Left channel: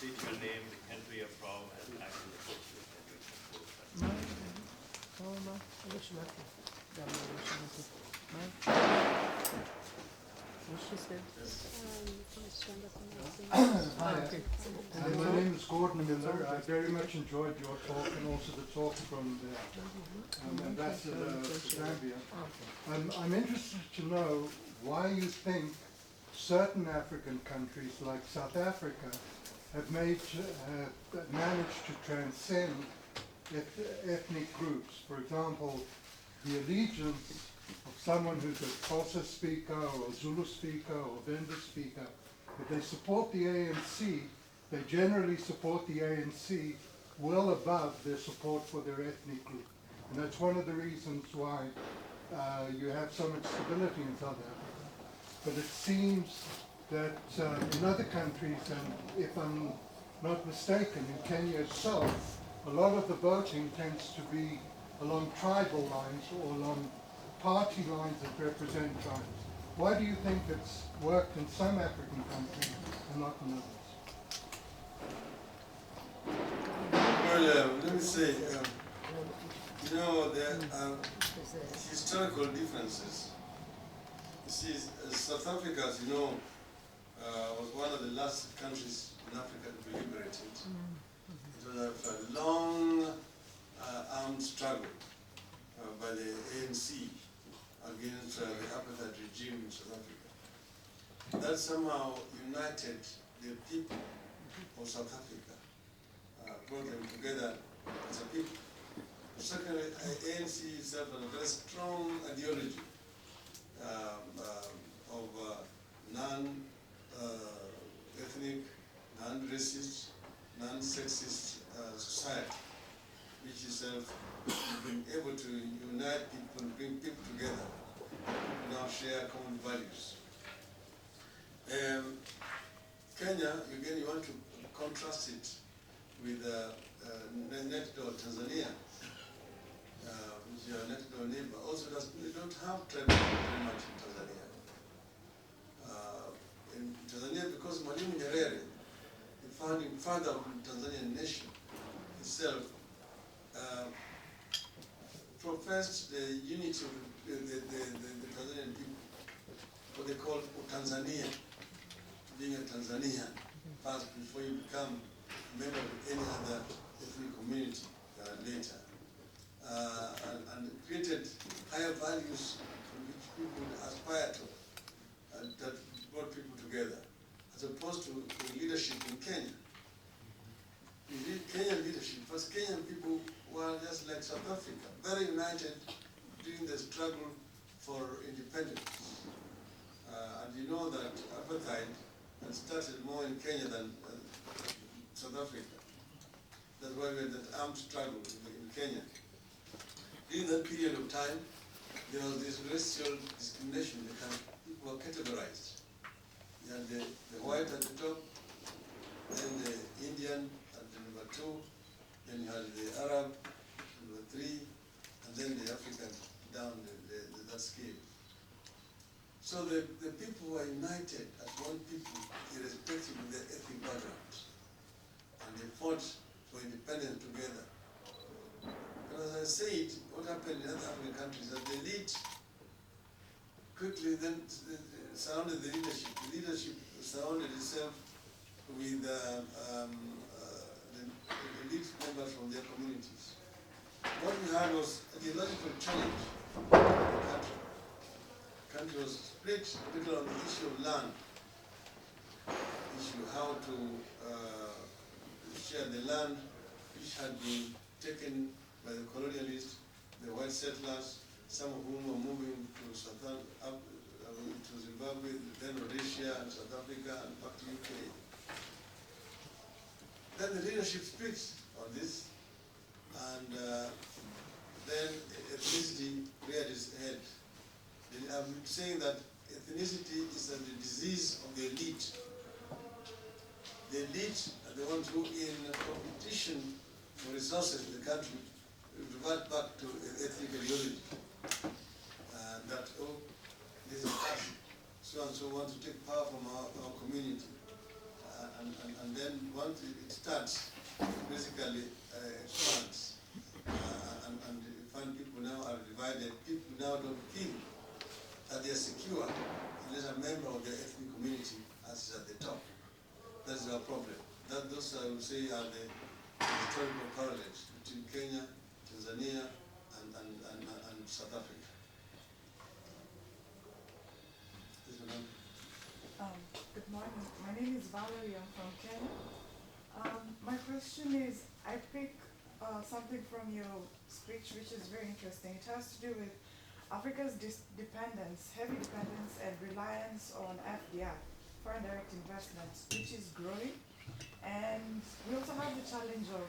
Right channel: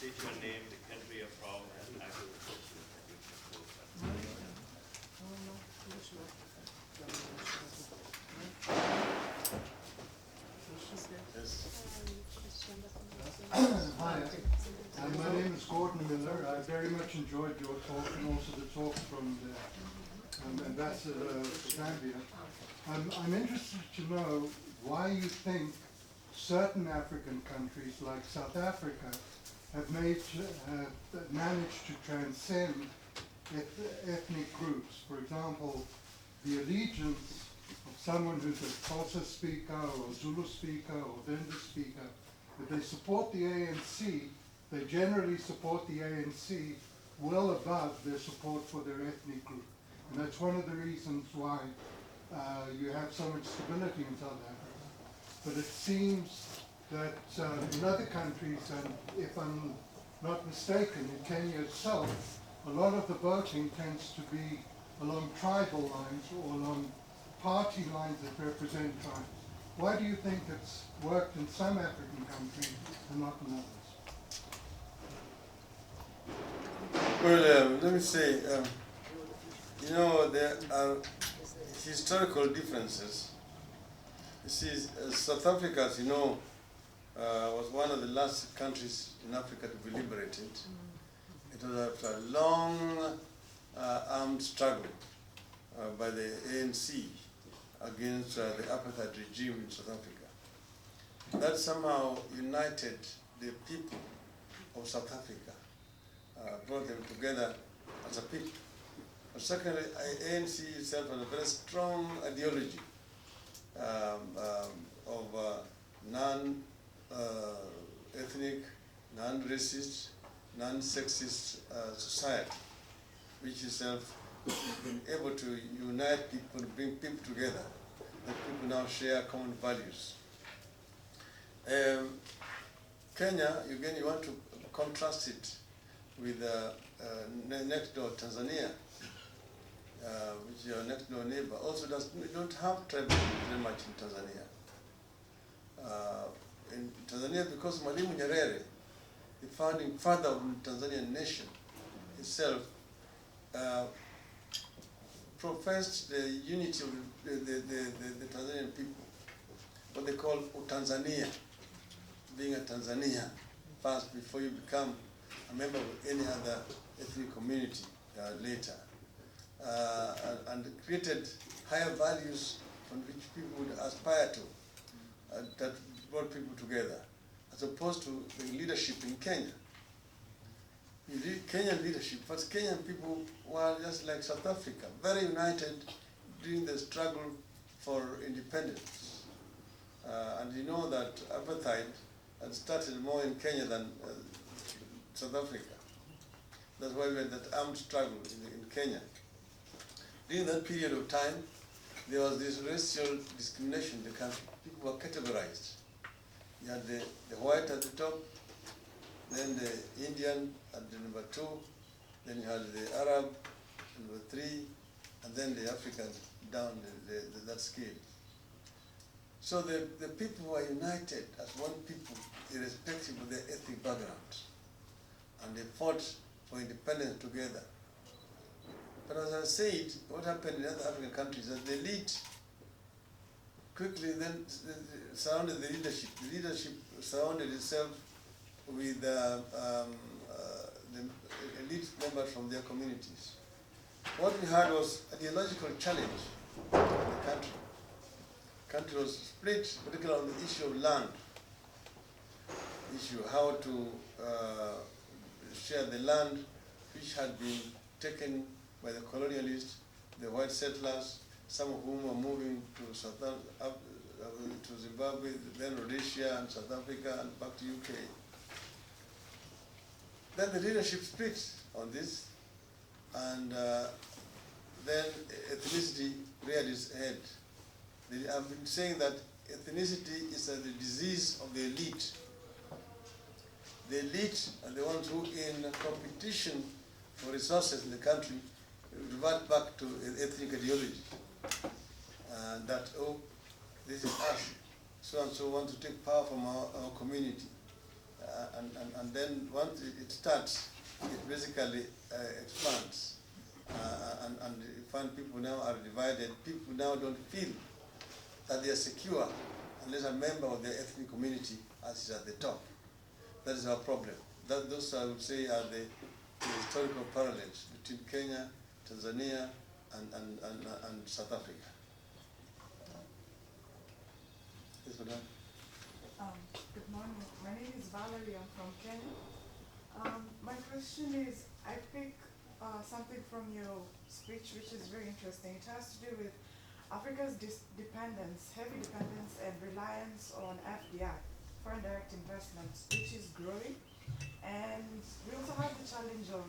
state your name, the country you're from, and ask the question that we can pose. Hi, my name is Gordon Miller. I very much enjoyed your talk and also the talk from the ambassador of Zambia. I'm interested to know why you think certain African countries like South Africa have managed to transcend ethnic groups. For example, the allegiance of someone who's a Xhosa speaker or Zulu speaker or Venda speaker, if they support the ANC, they generally support the ANC well above their support for their ethnic group. And that's one of the reasons why you have so much stability in South Africa. But it seems that in other countries, and if I'm not mistaken, in Kenya itself, a lot of the voting tends to be along tribal lines or along party lines that represent tribes. Why do you think it's worked in some African countries and not in others? Well, let me say, there are historical differences. You see, South Africa, as you know, was one of the last countries in Africa to be liberated. It was after a long armed struggle by the ANC against the apartheid regime in South Africa. That somehow united the people of South Africa, brought them together as a people. But secondly, ANC itself has a very strong ideology of non-ethnic, non-racist, non-sexist society, which itself has been able to unite people, bring people together, and people now share common values. Kenya, again, you want to contrast it with next door Tanzania, which is your next door neighbor. Also, we don't have tribalism very much in Tanzania. In Tanzania, because Mwalimu Nyerere, the founding father of the Tanzanian nation itself, professed the unity of the Tanzanian people, what they call Tanzania, being a Tanzanian first before you become a member of any other ethnic community later, and created higher values on which people would aspire to, that brought people together, as opposed to the leadership in Kenya. Kenyan leadership, but Kenyan people were just like South Africa, very united during the struggle for independence. And you know that apartheid had started more in Kenya than South Africa. That's why we had that armed struggle in Kenya. During that period of time, there was this racial discrimination in the country. People were categorized. You had the white at the top, then the Indian at the number 2, then you had the Arab, number 3, and then the Africans down that scale. So the people were united as one people, irrespective of their ethnic backgrounds. And they fought for independence together. But as I said, what happened in other African countries is that the elite quickly then surrounded the leadership. The leadership surrounded itself with the elite members from their communities. What we had was an ideological challenge in the country. The country was split, particularly on the issue of land, how to share the land which had been taken by the colonialists, the white settlers, some of whom were moving to Zimbabwe, then Rhodesia and South Africa and back to UK. Then the leadership split on this, and then ethnicity reared its head. I've been saying that ethnicity is the disease of the elite. The elite are the ones who, in competition for resources in the country, revert back to ethnic ideology. That, oh, this is us, so and so want to take power from our community. and then once it starts, it basically expands. And you find people now are divided. People now don't feel that they are secure unless a member of their ethnic community is at the top. That is our problem. Those, I would say, are the historical parallels between Kenya, Tanzania, and South Africa. Good morning. My name is Valerie. I'm from Kenya. My question is, I pick something from your speech which is very interesting. It has to do with Africa's dependence, heavy dependence and reliance on FDI, foreign direct investments, which is growing. And we also have the challenge of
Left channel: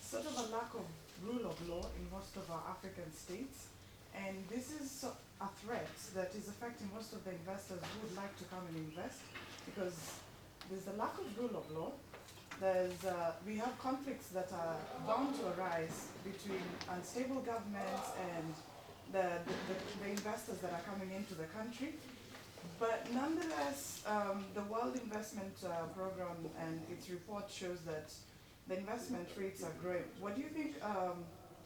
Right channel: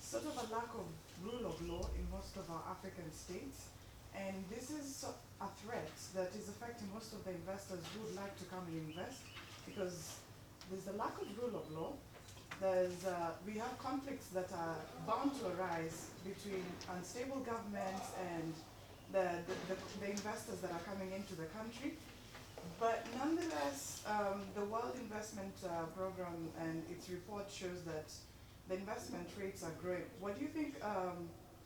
sort of a lack of rule of law in most of our African states. And this is a threat that is affecting most of the investors who would like to come and invest, because there's a lack of rule of law. We have conflicts that are bound to arise between unstable governments and the investors that are coming into the country. But nonetheless, the World Investment Program and its report shows that the investment rates are growing. What do you think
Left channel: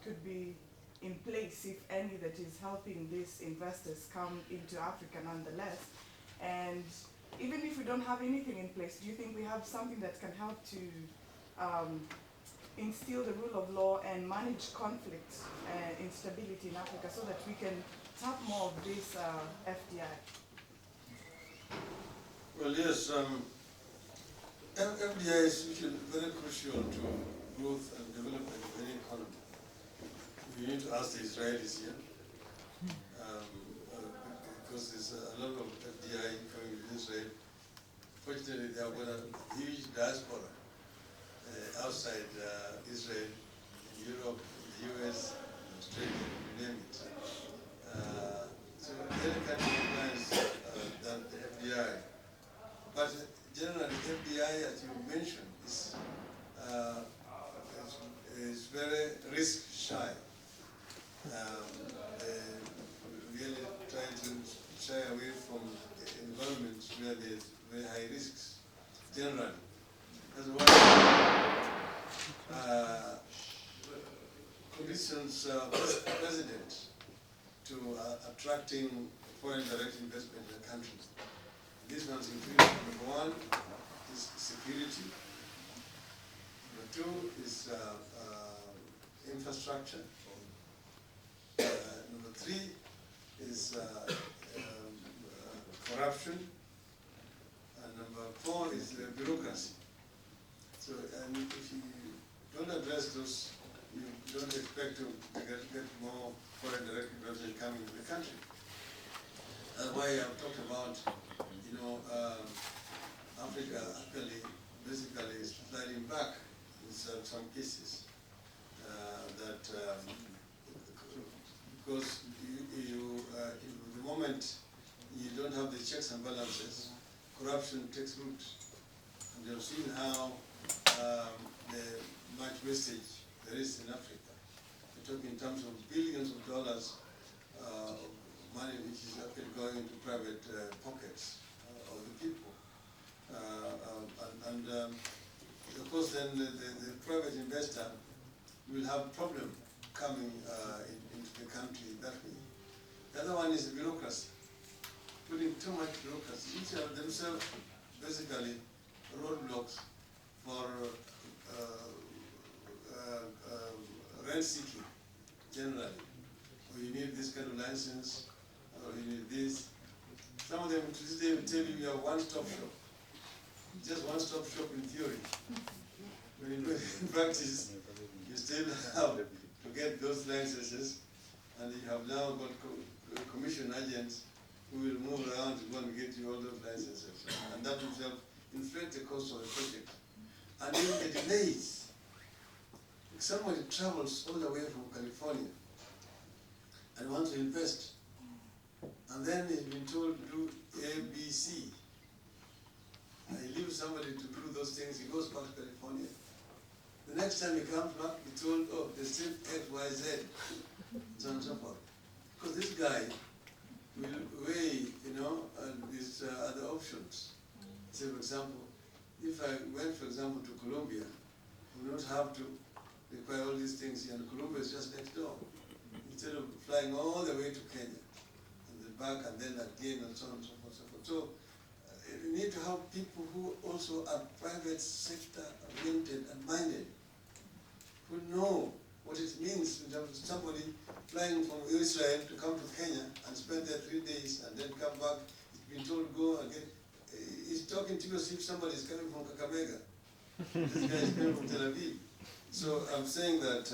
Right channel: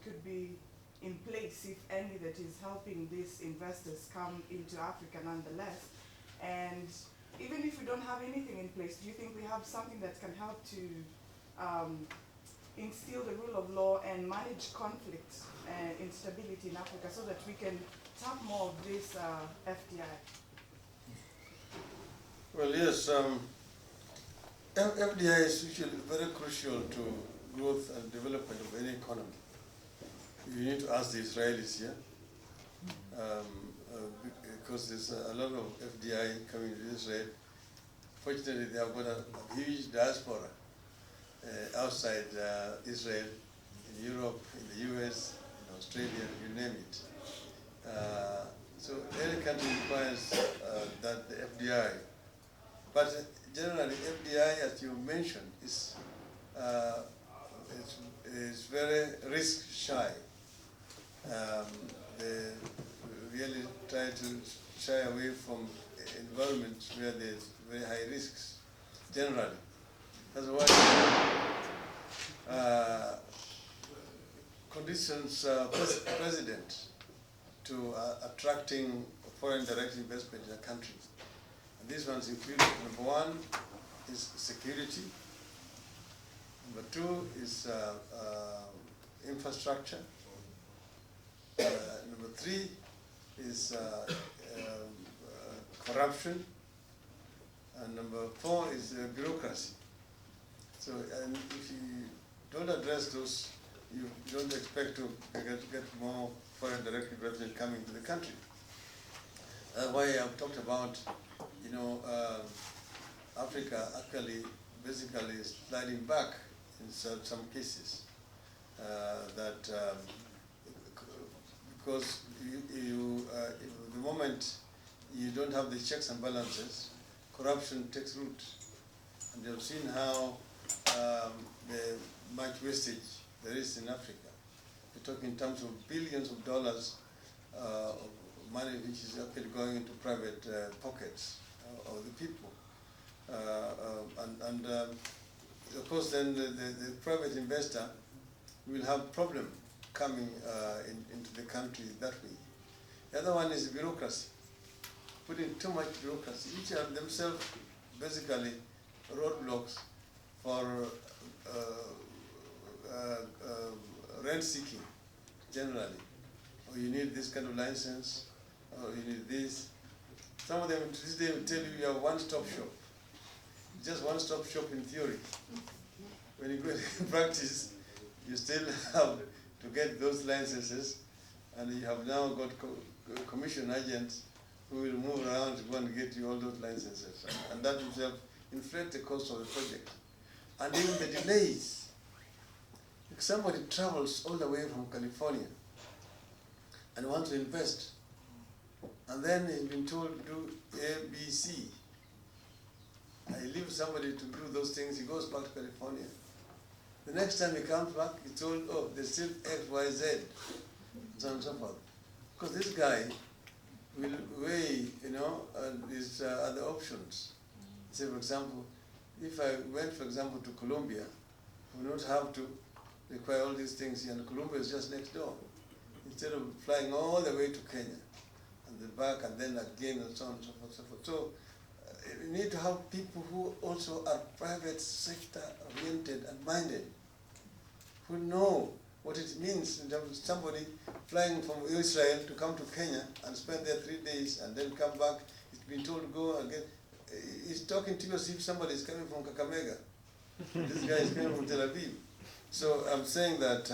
could be in place, if any, that is helping these investors come into Africa nonetheless? And even if we don't have anything in place, do you think we have something that can help to instill the rule of law and manage conflict and instability in Africa so that we can tap more of this FDI? Well, yes, FDI is very crucial to growth and development of any economy. You need to ask the Israelis here, because there's a lot of FDI coming to Israel. Fortunately, they have got a huge diaspora outside Israel, in Europe, in the US, in Australia, you name it. So every country requires that the FDI. But generally, FDI, as you mentioned, is very risk shy. They really try to shy away from environments where there's very high risks, generally. That's why conditions president to attracting foreign direct investment in the country. These ones include, number one is security, number two is infrastructure, number three is corruption, and number four is bureaucracy. So, and if you don't address those, you don't expect to get more foreign direct investment coming to the country. That's why I've talked about, Africa actually basically is sliding back in some cases. Because the moment you don't have the checks and balances, corruption takes root. And you've seen how much wastage there is in Africa. We're talking in terms of billions of dollars of money which is actually going into private pockets of the people. Of course then the private investor will have problem coming into the country that way. The other one is bureaucracy. Putting too much bureaucracy. Each of themselves basically roadblocks for rent seeking generally. Or you need this kind of license, or you need this. Some of them today will tell you you have one-stop shop. Just one-stop shop in theory. When you go in practice, you still have to get those licenses, and you have now got commission agents who will move around to go and get you all those licenses. And that will inflate the cost of the project. And even the delays. If somebody travels all the way from California and wants to invest, and then he's been told to do A, B, C. And he leaves somebody to do those things, he goes back to California. The next time he comes back, he's told, oh, there's still X, Y, Z, so on and so forth. Because this guy will weigh, his other options. Say, for example, if I went, for example, to Colombia, we would not have to require all these things, and Colombia is just next door. Instead of flying all the way to Kenya, and then back, and then again, and so on and so forth, so forth. So, you need to have people who also are private sector oriented and minded, who know what it means in terms of somebody flying from Israel to come to Kenya and spend there 3 days and then come back. He's been told to go again. He's talking to you as if somebody is coming from Kakamega. This guy is coming from Tel Aviv. So I'm saying that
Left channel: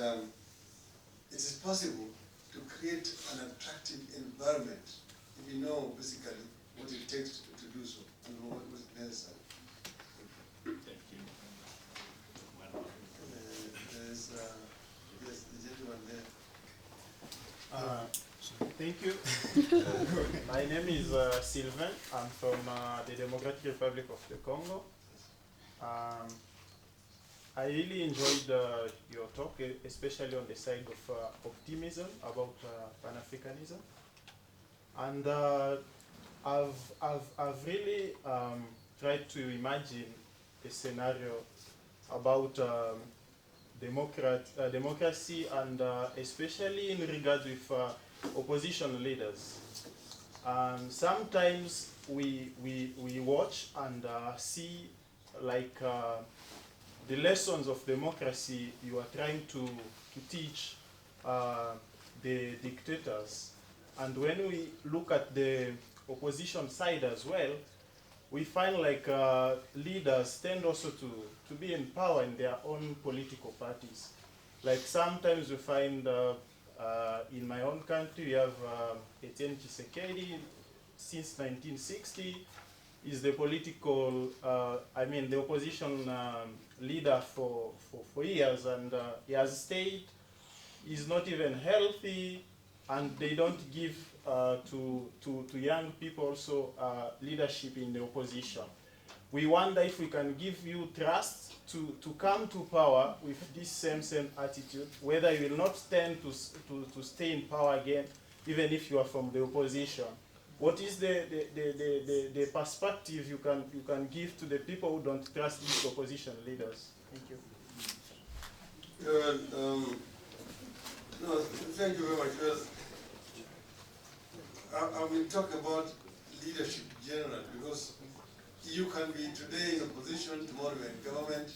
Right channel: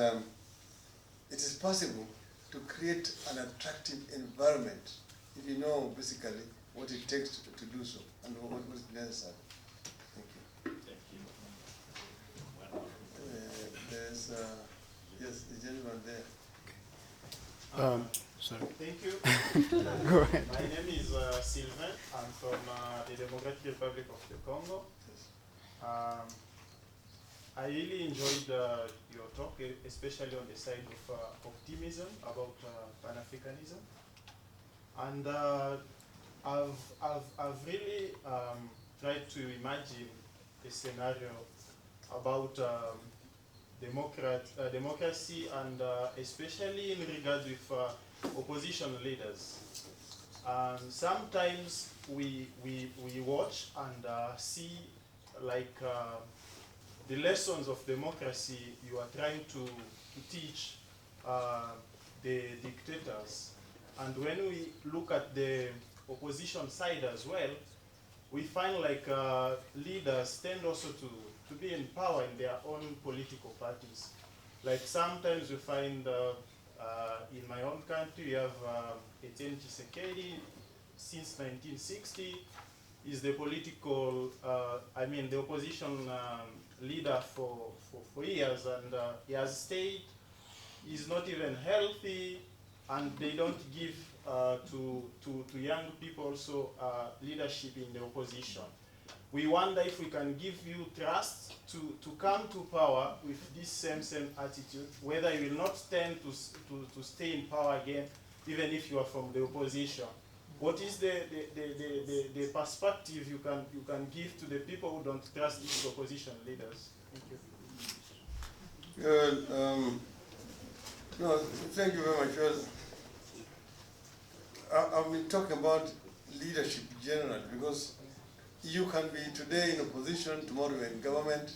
it is possible to create an attractive environment if you know basically what it takes to do so and what is necessary. Thank you. Well, There's yes, the gentleman there. Sorry. Thank you. My name is Sylvain. I'm from the Democratic Republic of the Congo. I really enjoyed your talk, especially on the side of optimism about Pan-Africanism. And I've really tried to imagine a scenario about democracy and especially in regard with opposition leaders. Sometimes we watch and see like the lessons of democracy you are trying to teach the dictators. And when we look at the opposition side as well, we find like leaders tend also to be in power in their own political parties. Like sometimes we find in my own country, you have Etienne Tshisekedi since 1960, is the political, the opposition leader for years, and he has stayed. He's not even healthy, and they don't give to young people also leadership in the opposition. We wonder if we can give you trust to come to power with this same attitude, whether you will not tend to stay in power again, even if you are from the opposition. What is the perspective you can give to the people who don't trust these opposition leaders? Thank you. No, thank you very much. I will talk about leadership generally, because you can be today in opposition, tomorrow you're in government,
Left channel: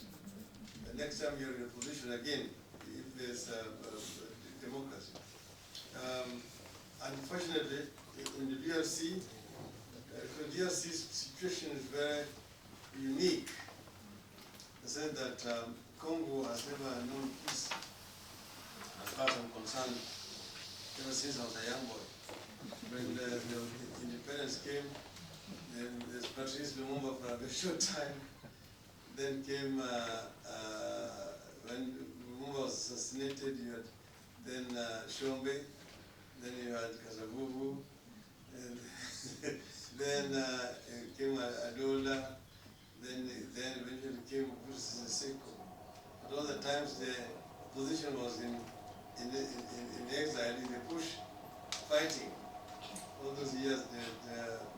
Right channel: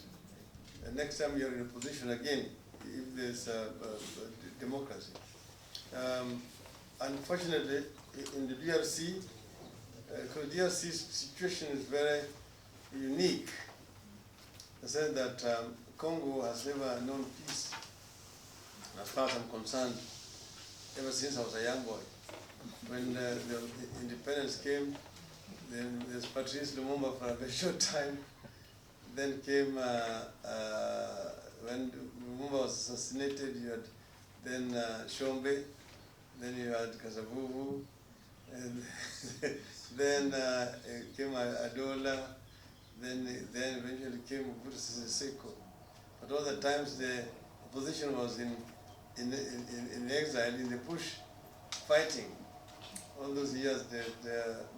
and next time you're in opposition again, if there's democracy. Unfortunately, in the DRC, because DRC's situation is very unique, I said that Congo has never known peace, as far as I'm concerned, ever since I was a young boy. When the independence came, then there's Patrice Lumumba for a very short time. Then came, when Lumumba was assassinated, you had then Shombe, then you had Kasavubu, and then came Adola, then eventually came Mobutu Sese Seko. But all the times the opposition was in exile, in the bush, fighting. All those years, the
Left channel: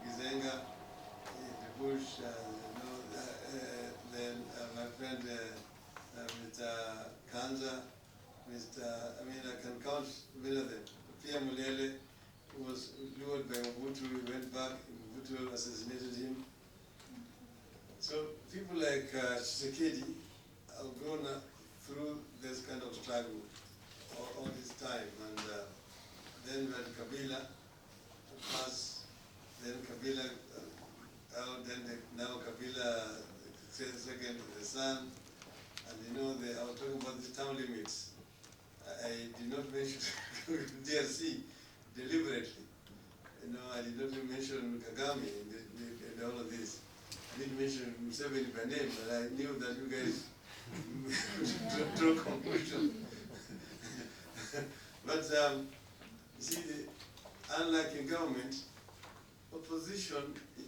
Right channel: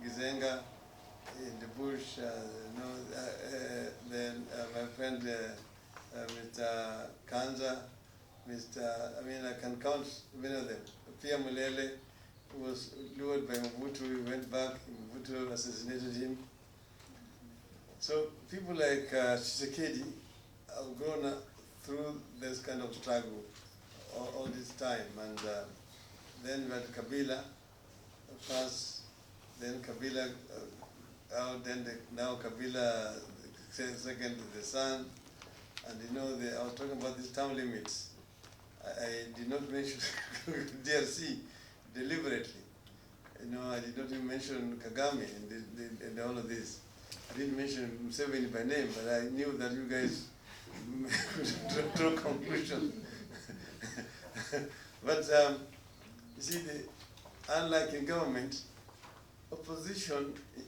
Gizenga, in the bush, then my friend Mr. Kanza, I can count many of them. Pia Mulele, who was lured by Mobutu, he went back, Mobutu assassinated him. So people like Tshisekedi have grown up through this kind of struggle all this time. And then we had Kabila, first, then Kabila out, then now Kabila second to the son. And I was talking about these term limits. I did not mention DRC deliberately. I did not even mention Kagame in all of this. I didn't mention Museveni by name, but I knew that you guys would draw conclusions. But you see, unlike in government, opposition,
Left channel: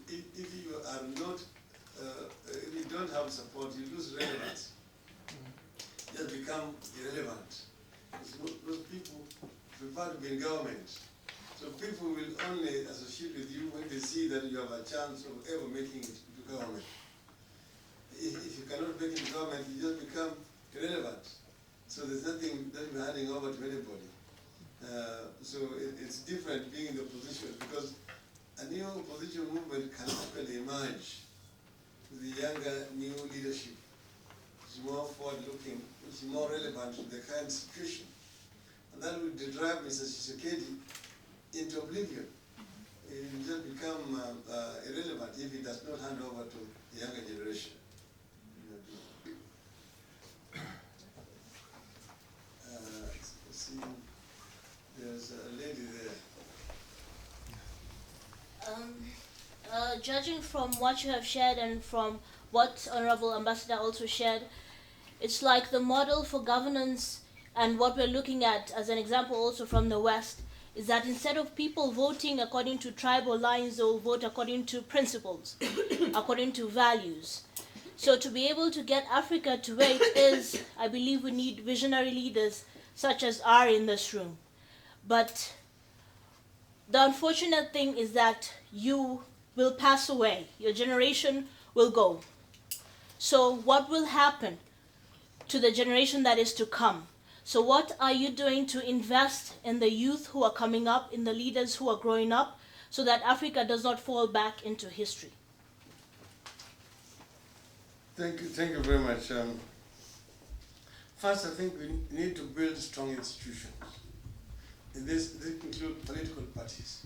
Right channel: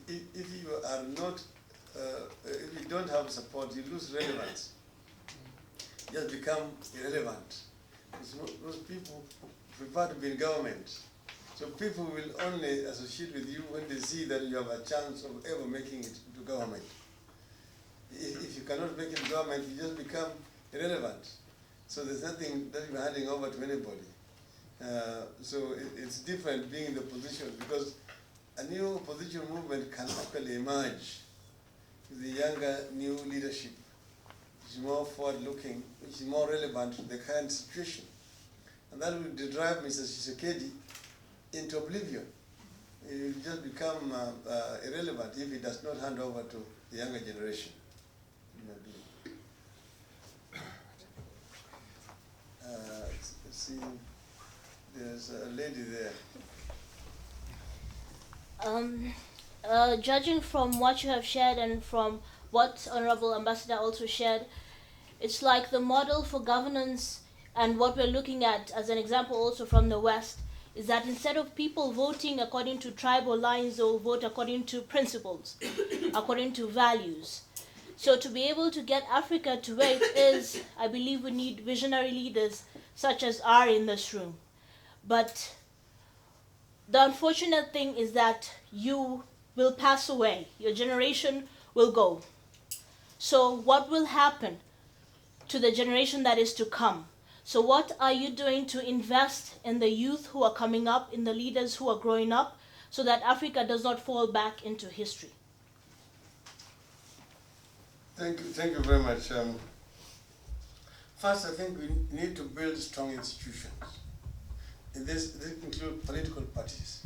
if you are not, if you don't have support, you lose relevance. You just become irrelevant. Those people prefer to be in government. So people will only associate with you when they see that you have a chance of ever making it to government. cannot make it government, you just become irrelevant. So there's nothing that you're handing over to anybody. So it's different being in the position, because a new opposition movement can actually emerge with the younger new leadership, which is more forward-looking, which is more relevant to the current situation. And that will drive Mr. Tshisekedi into oblivion. He will just become irrelevant if he does not hand over to the younger generation. See, there's a lady there. Judging from what you have shared and from what Honorable Ambassador also shared, it's like the model for governance and what we're looking at as an example also from the West is that instead of people voting according to tribal lines, they'll vote according to principles, according to values. So to be able to get Africa to where it is, I believe we need visionary leaders such as are in this room. But the unfortunate thing is that you will pass away. Your generation will go. So what will happen to the generation that is to come? So what are you doing to invest in the youth who are coming up, in the leaders who are growing up, so that Africa does not fall back into history? Thank you very much. First, I think we need to build strong institutions. And this includes political parties.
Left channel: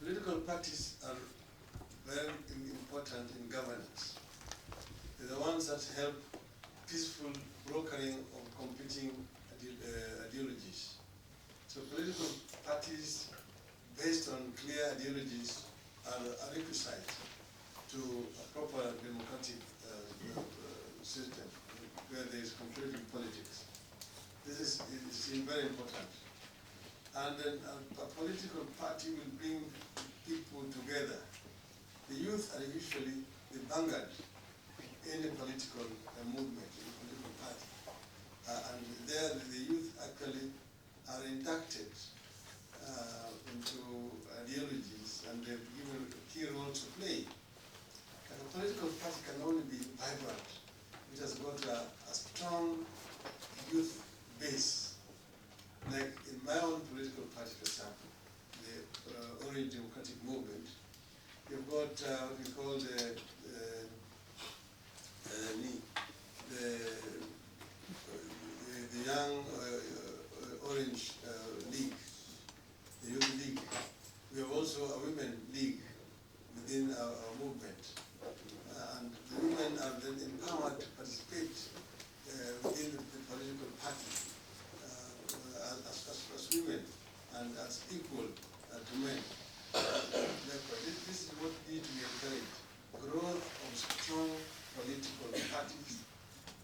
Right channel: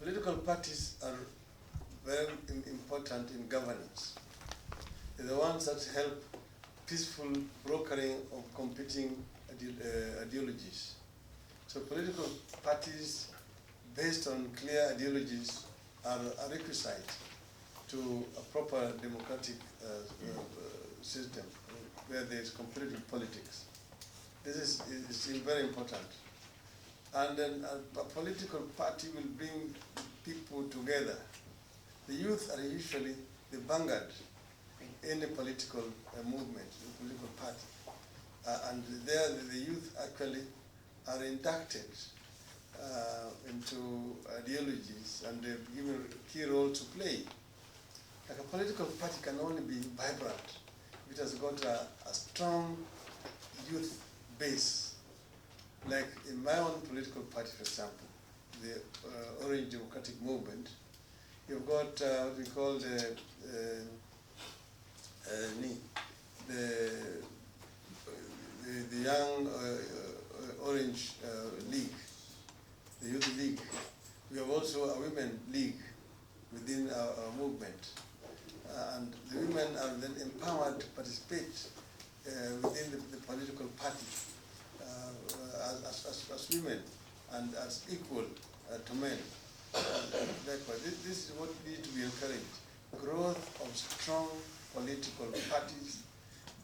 Political parties are very important in governance. They're the ones that help peaceful brokering of competing ideologies. So political parties based on clear ideologies are a requisite to a proper democratic system where there is competitive politics. This is very important. And then a political party will bring people together. The youth are usually the vanguard in the political movement, in the political party. And there the youth actually are inducted into ideologies and they're given a key role to play. Like a political party can only be vibrant if it has got a strong youth base. Like in my own political party, for example, the Orange Democratic Movement, you've got what we call the Young Orange League, the Youth League. We have also a Women League within our movement. And the women are then empowered to participate within the political party as women and as equal to men. Therefore, this is what needs to be encouraged. Growth of strong political parties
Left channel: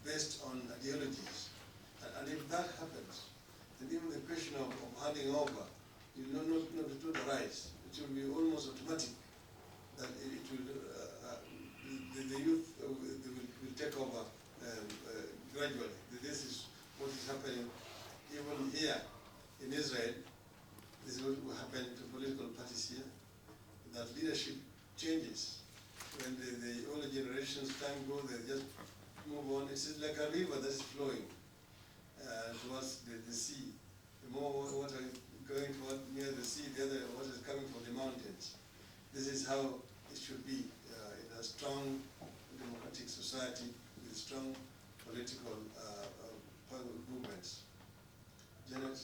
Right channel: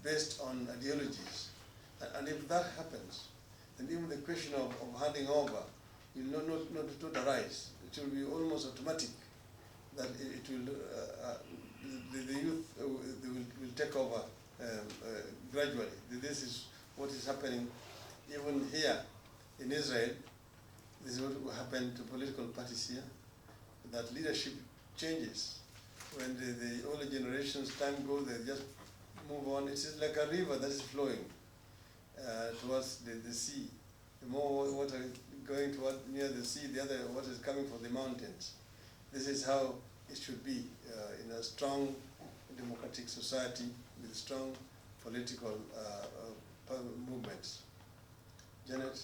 based on ideologies. And if that happens, then even the question of handing over will not arise. It will be almost automatic that it will, the youth will take over gradually. This is what is happening even here in Israel. This is what will happen to political parties here, that leadership changes. When the older generations time goes, they just move on. It's like a river that is flowing towards the sea. The more water going toward near the sea, the other water is coming from the mountains. This is how it should be in a strong democratic society with strong political movements. Janet?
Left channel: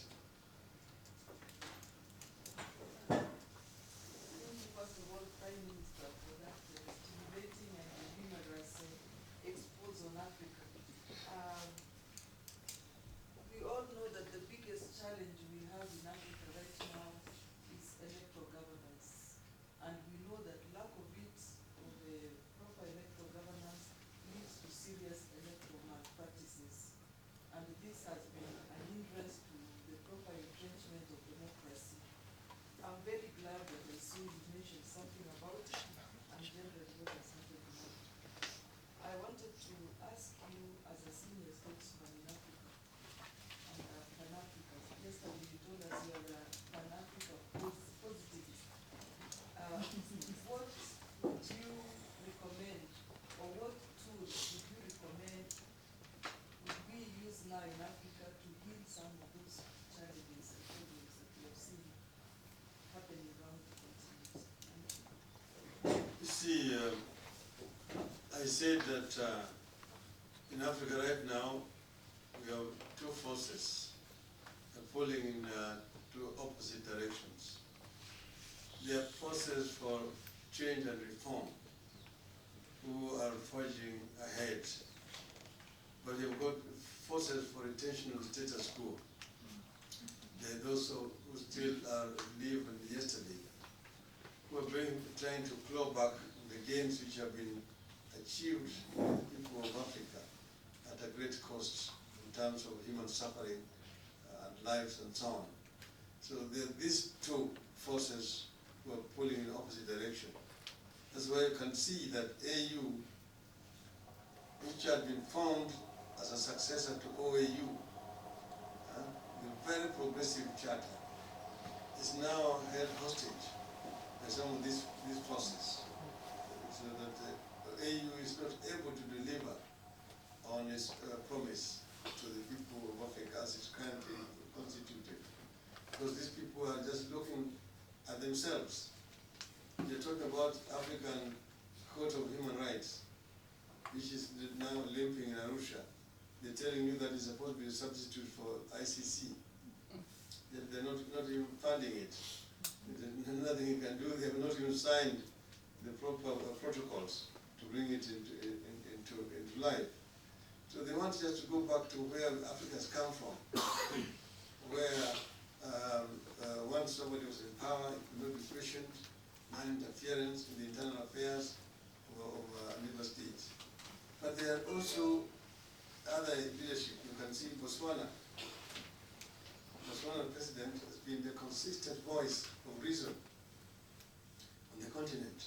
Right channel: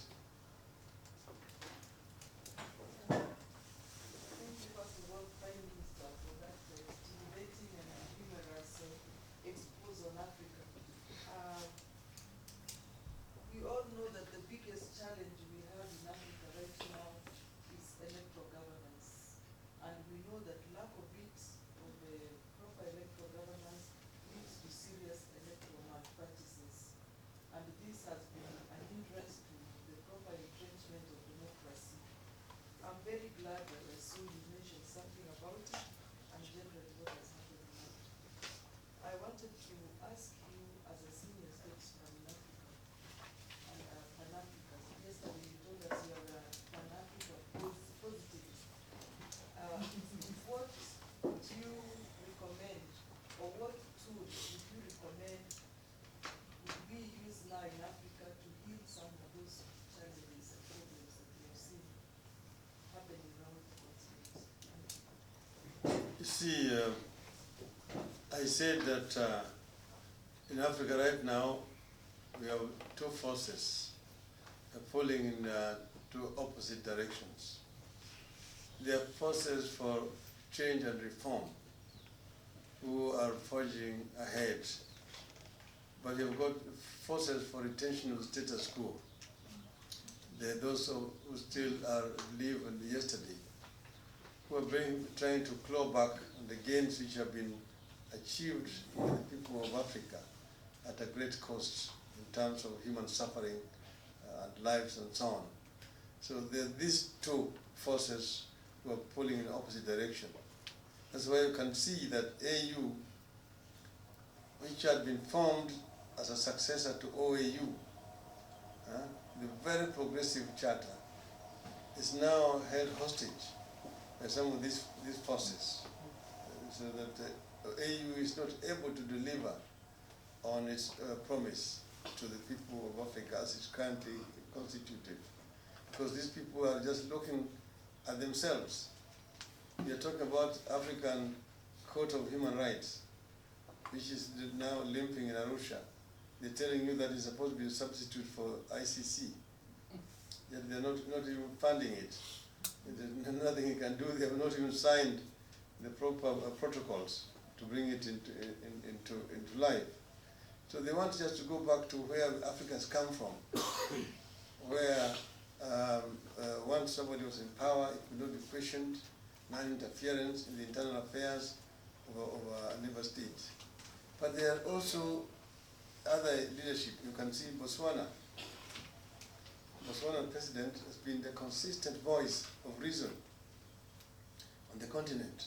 Thank you, first of all, Prime Minister, for that stimulating and humorous expose on Africa. We all know that the biggest challenge we have in Africa right now is electoral governance. And we know that lack of it, of proper electoral governance, leads to serious electoral malpractices. And this has been an hindrance to the proper entrenchment of democracy. I'm very glad that I saw you mention something about it and generally what has happened now. I wanted to ask you as a senior statesman in Africa and Pan-African. Yesterday you told us you are a Pan-African positivist. What would you recommend or what tools would you said that in Africa right now, we have two forces pulling in two opposite directions. There are forces for change and reform who are forging ahead, but you've got forces for retention of status quo. There are those who still live in yesterday, who are trying to claw back the gains which have been achieved by the people of Africa at a great cost in terms of human suffering and lives and so on. So there are these two forces who are pulling in the opposite direction. That's why you can see that AU, which had been formed as a successor to OAU, the very progressive charter, is now held hostage by some of these forces, so that the AU is not able to deliver on its promise to the people of Africa as it's currently constituted. Because these people are just looking at themselves. We are talking about African Court of Human Rights, which is now limping in Arusha. They're telling you that it's supposed to be a substitute for ICC. Yet they're not even funding it. There's nothing you can do. They have not even signed the proper protocols to bring it into life. So they want just to go back to where Africa has come from, where once somebody was in power, it could not be questioned, non-interference in the internal affairs of a neighbor state. But there are also other leadership. You can see Botswana. Botswana president has been the consistent voice of reason on the continent.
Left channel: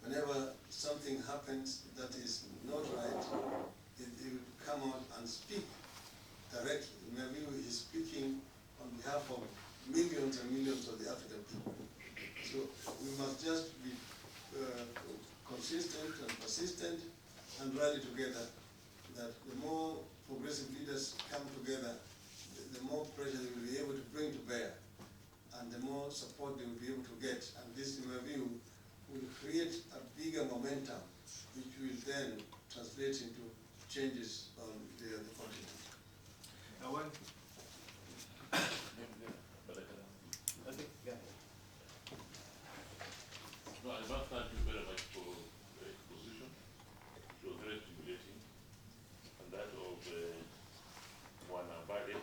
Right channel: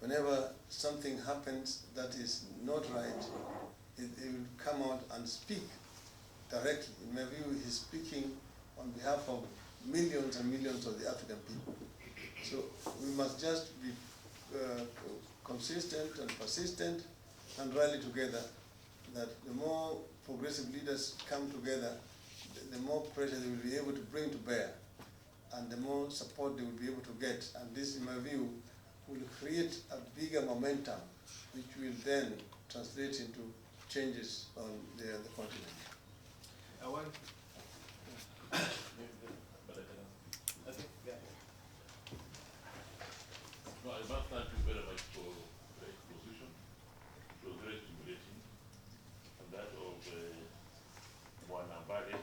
Whenever something happens that is not right, he will come out and speak directly. In my view, he's speaking on behalf of millions and millions of the African people. So we must just be consistent and persistent and rally together, that the more progressive leaders come together, the more pressure they will be able to bring to bear, and the more support they will be able to get. And this, in my view, will create a bigger momentum, which will then translate into changes on the continent. I want. No, I must thank you very much for the exposition. It was very stimulating. And that of one Ambale.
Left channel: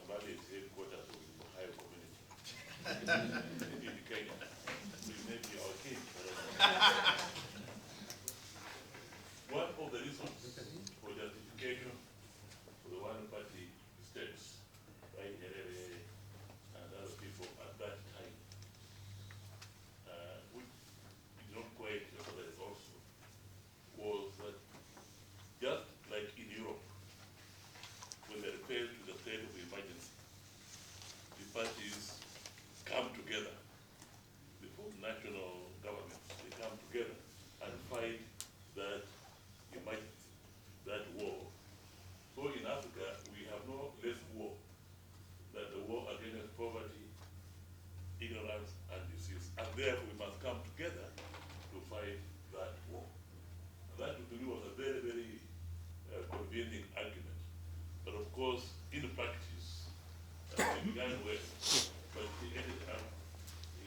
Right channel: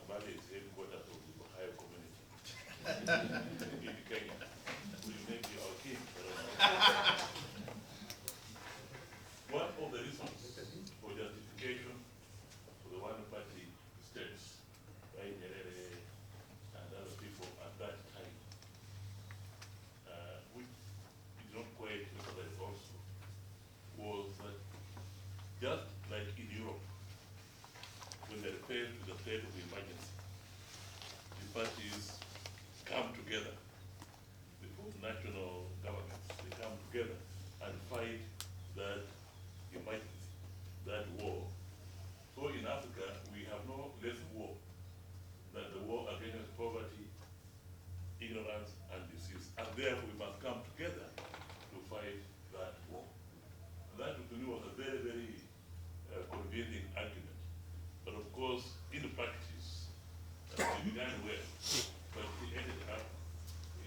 Ambale is headquarters of the Ohio community in Kenya. We may be our king. One of the reasons for justification for the one-party states by Nyerere and other people at that time, which is not quite emphasized also, was that just like in Europe, when they refer to the state of emergency, the parties come together, the national governments, they come together and fight that emergency, that war. So in Africa, we have no less war than the war against poverty, ignorance, and disease. And therefore, we must come together to fight that war. And that to me was a very, very convincing argument. But of course, in practice, it began well, but it ended up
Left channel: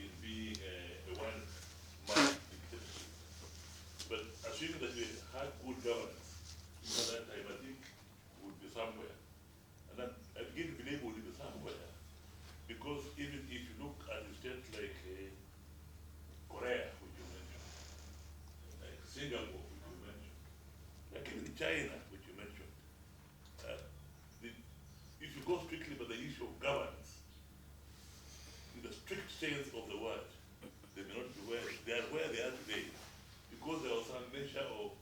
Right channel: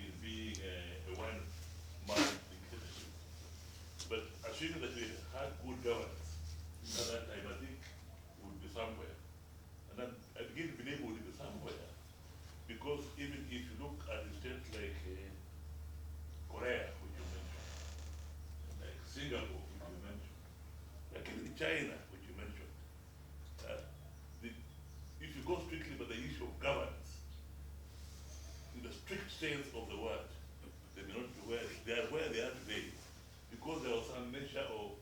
in being a one-man dictatorship. But assuming that we had good governance at that time, I think we would be somewhere. And then I begin to believe we would be somewhere, because even if you look at states like Korea, which you mentioned, like Singapore, which you mentioned, like even China, which you mentioned, if you go strictly by the issue of governance, in the strict sense of the word, they may not be where they are today, because there was some measure of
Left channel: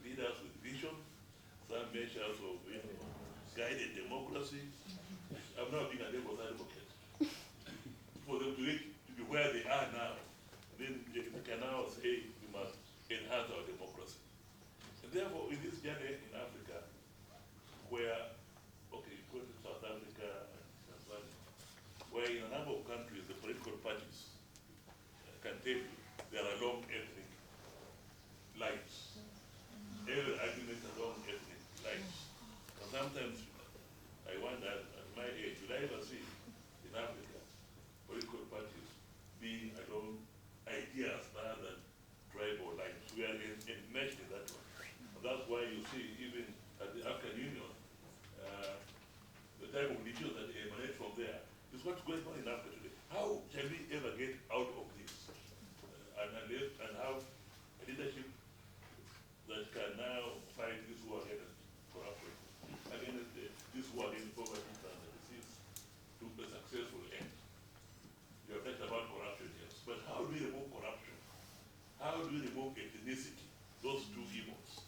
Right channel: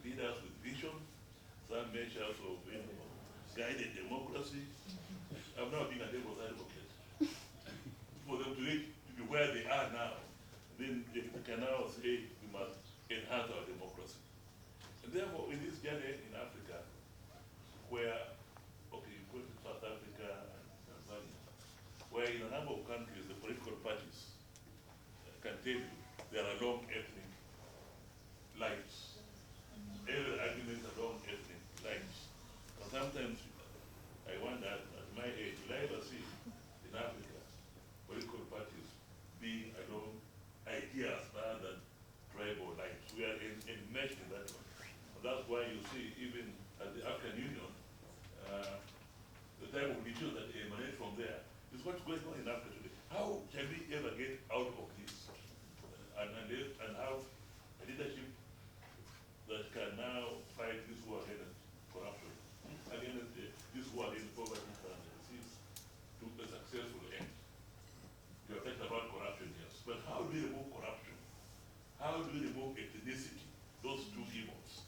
leaders with vision, some measures of guided democracy. I've never been a devil's advocate. For them to be where they are now, then they can now say we must enhance our democracy. And therefore, in this journey in Africa, where, okay, you go to South Africa and Tanzania, where in a number of countries, the political parties can tell you there are long ethnic lines. And that's why you see even at the African Union, the type of leaders that emanate from there is what's going on in Africa today. How shall we ever get out of this and have a leadership that can now fight this war against corruption, against this war against poverty and disease to a successful end? You have talked about corruption, yes, but how do we remove corruption? How do we remove ethnicity, those two evils,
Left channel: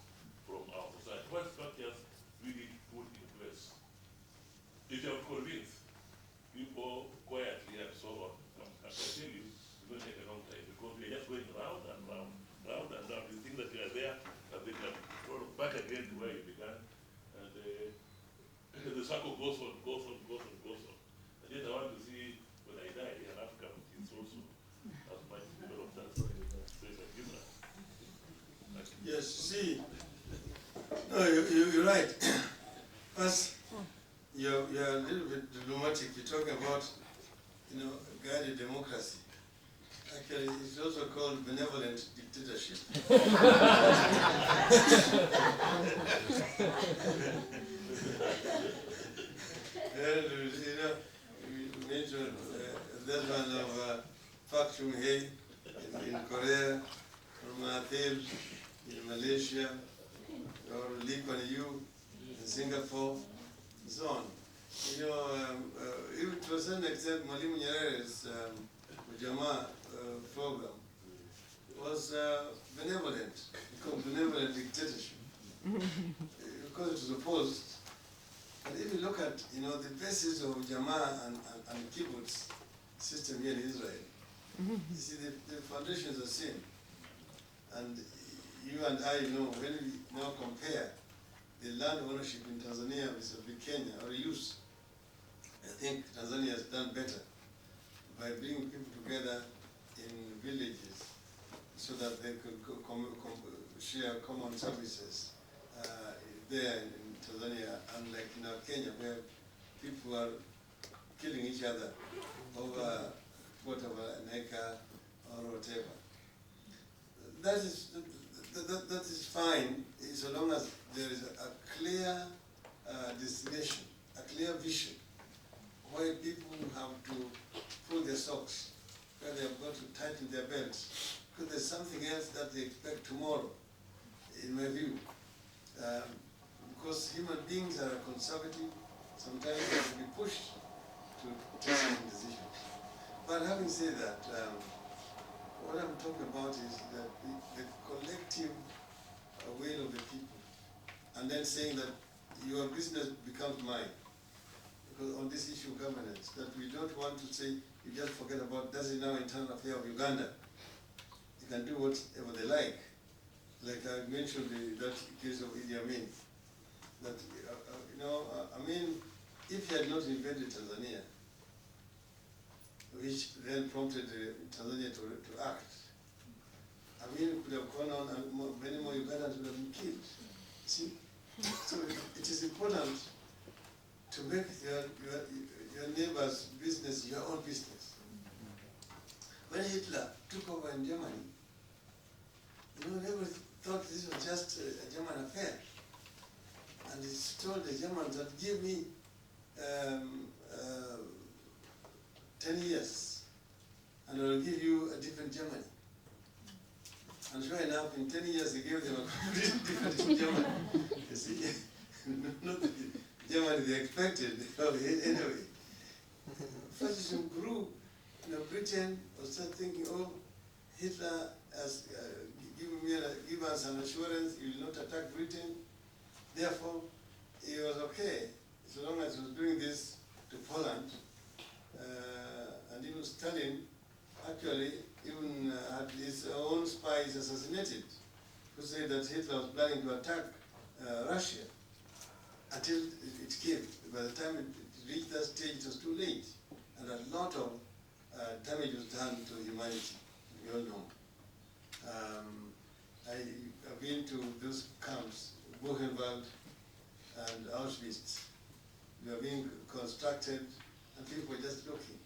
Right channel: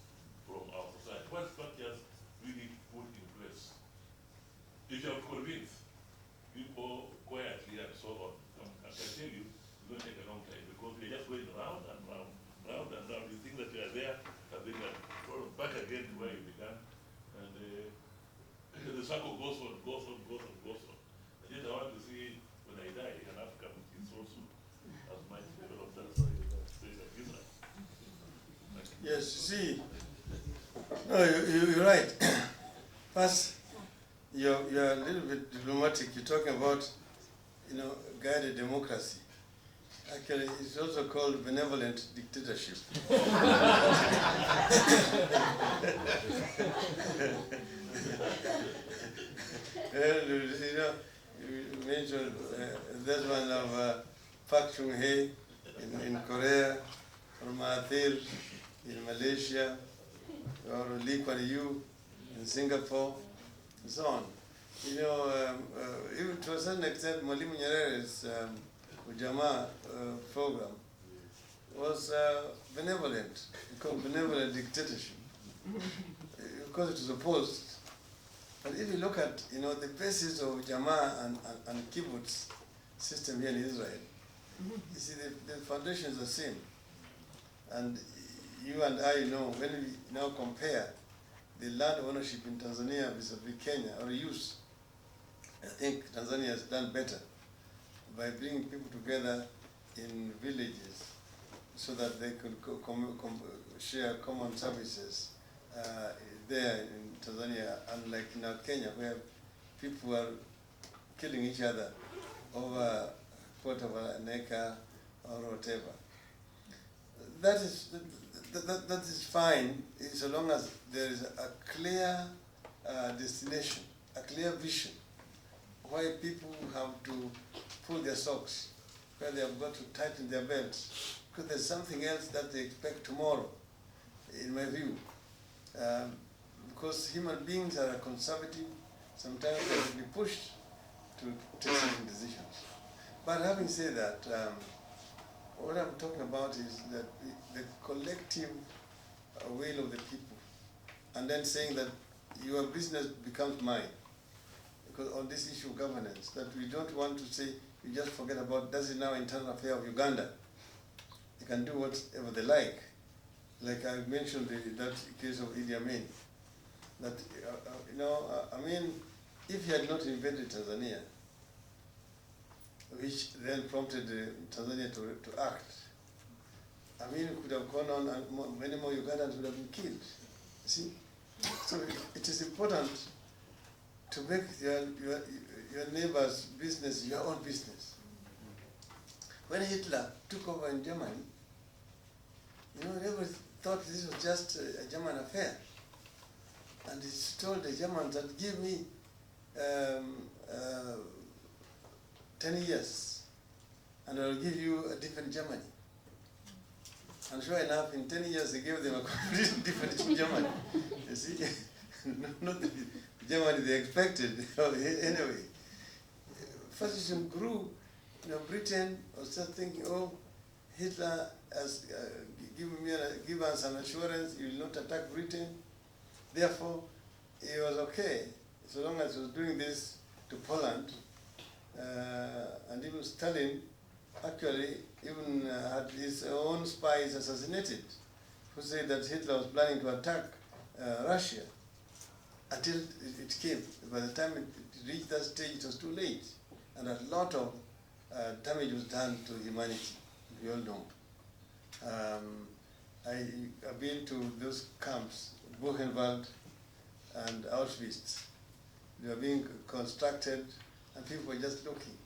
from our society? What structures we need to put in place? If you have convinced people quietly and so on, I can tell you, it's going to take a long time because we're just going round and round, round and round. You think that you are there, and then you're sort of back again to where you began, and the circle goes on, goes on, goes on, goes on. And yet I want to see when I die in Africa, which is also as much developed as place like Israel. Yes, see, no, you're right. First, you're a little bit diplomatic. You're talking about, guided democracy. Actually, it's also called benevolent dictatorship. And, you mentioned that one of Park Chung-hee in Korea, or Mahathir in Malaysia, or Lee Kuan Yew in Singapore, and so on. Even to a certain extent, Mwalimu Nyerere's Ujamaa program was benevolent, called benevolent dictatorship, because it was opposed. And if you look at the basis of Ujamaa and kibbutz system here in Israel, you see the foundations are the same. And you and I know, when we now compare the land ownership in Tanzania vis-a-vis Kenya, or use, I think Tanzania has done better by bringing people together in villages so that they could share common services there in Tanzania, unlike now Kenya, where people are killing each other over a quarter of an acre or whatever. That is fine, so long as there is a clear destination, a clear vision, where people have to pull their socks, where they have got to tighten their belts, because there's something else that they expect tomorrow, in my view. Because human beings are conservative, sometimes they have to be pushed to take certain decisions. But having said that, what I'm talking about is that the collective will of the people, and then saying that your business becomes mine. Because on this issue of governance, that we don't want to say, you just forget about, that's now internal affair of Uganda. They can do whatever they like. Like I mentioned that case of Idi Amin. That, if he had not invaded Tanzania, which then prompted Tanzania to act, Amin could have gone on and many more Ugandans would have been killed. See? So it is important to make your neighbor's business your own business. When Hitler took over in Germany, everybody thought this was just a German affair. And he told the Germans that give me 10 years, and I will give you a different Germany. And sure enough, in 10 years, he gave them a completely different Germany. You see, not the Germany they expected. Anyway, fascism grew. Britain was just thinking, Hitler has given us an assurance he will not attack Britain. Therefore, he was okay, so long as he was doing this to Poland. And even Stalin actually even had his own spies assassinated, who said that Hitler was planning to attack Russia, until it came. By the time it reached that stage, it was too late. And a lot of damage was done to humanity, we all know. I've been to those camps, Buchenwald and Auschwitz. They are being constructed, and people are just looking.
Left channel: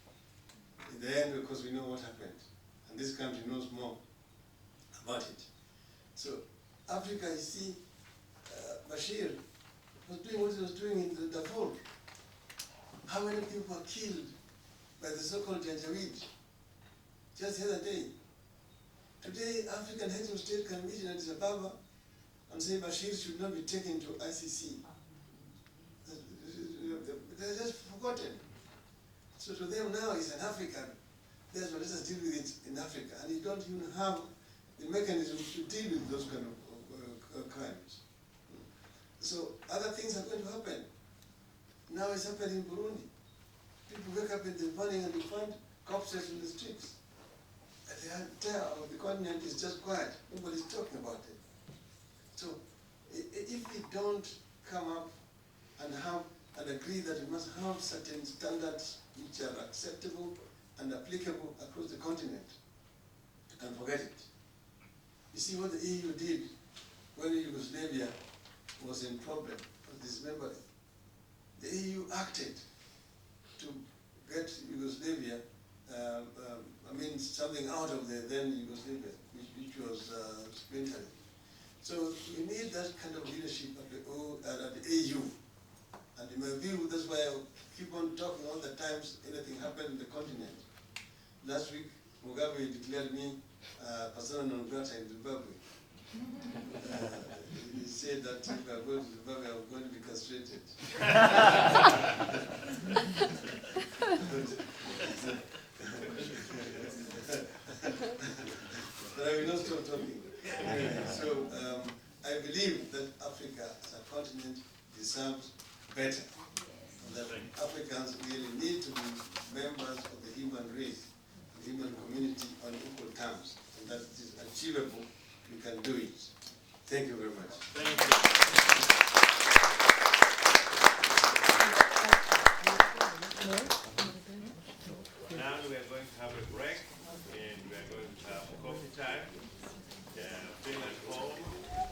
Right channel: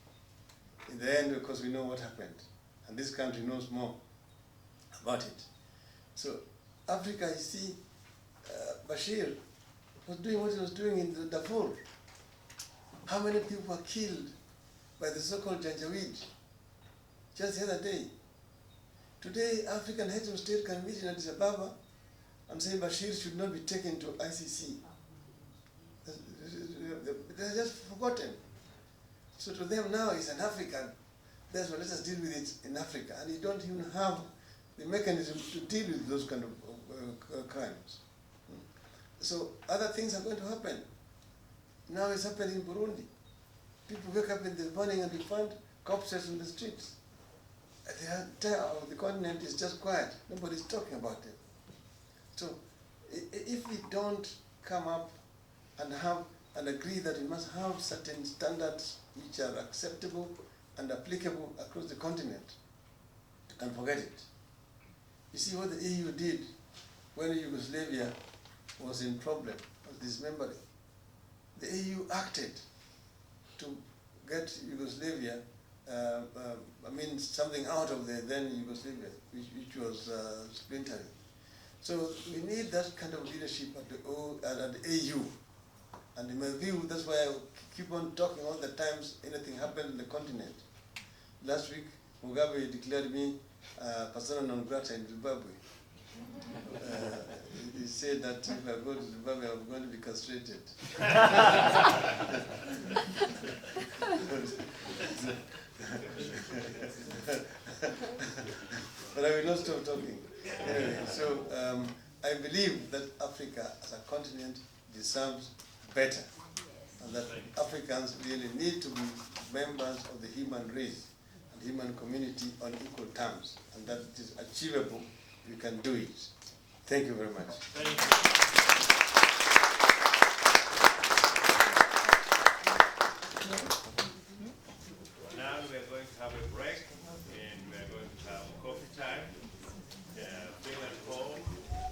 In the end, because we know what happened, and this country knows more about it. So Africa, you see, Bashir was doing what he was doing in the Darfur. How many people were killed by the so-called Janjaweed just the other day? Today, African heads of state can meet in Addis Ababa and say Bashir should not be taken to ICC. They're just forgotten. So to them now, he's an African. That's why let us deal with it in Africa. And you don't even have the mechanism to deal with those kind of crimes. So other things are going to happen. Now it's happening in Burundi. People wake up in the morning and you find corpses in the streets. The entire of the continent is just quiet. Nobody's talking about it. So if we don't come up and agree that we must have certain standards which are acceptable and applicable across the continent, you can forget it. You see what the EU did when Yugoslavia was in problem, was dismembering. The EU acted to get Yugoslavia, something out of the then Yugoslavia, which was splintering. So we need that kind of leadership at the AU. And in my view, that's why I keep on talking all the times anything happened in the continent. Last week, Mugabe declared me persona non grata in Zimbabwe. He said that if I go to Zimbabwe, I'm going to be castrated. But I will not stop talking. Anyway, so I believe that Africa as a continent deserves better. And that Africans really need to be members of the human race, the human community on equal terms. And that it is achievable, we can do it. Thank you very much. Thank you.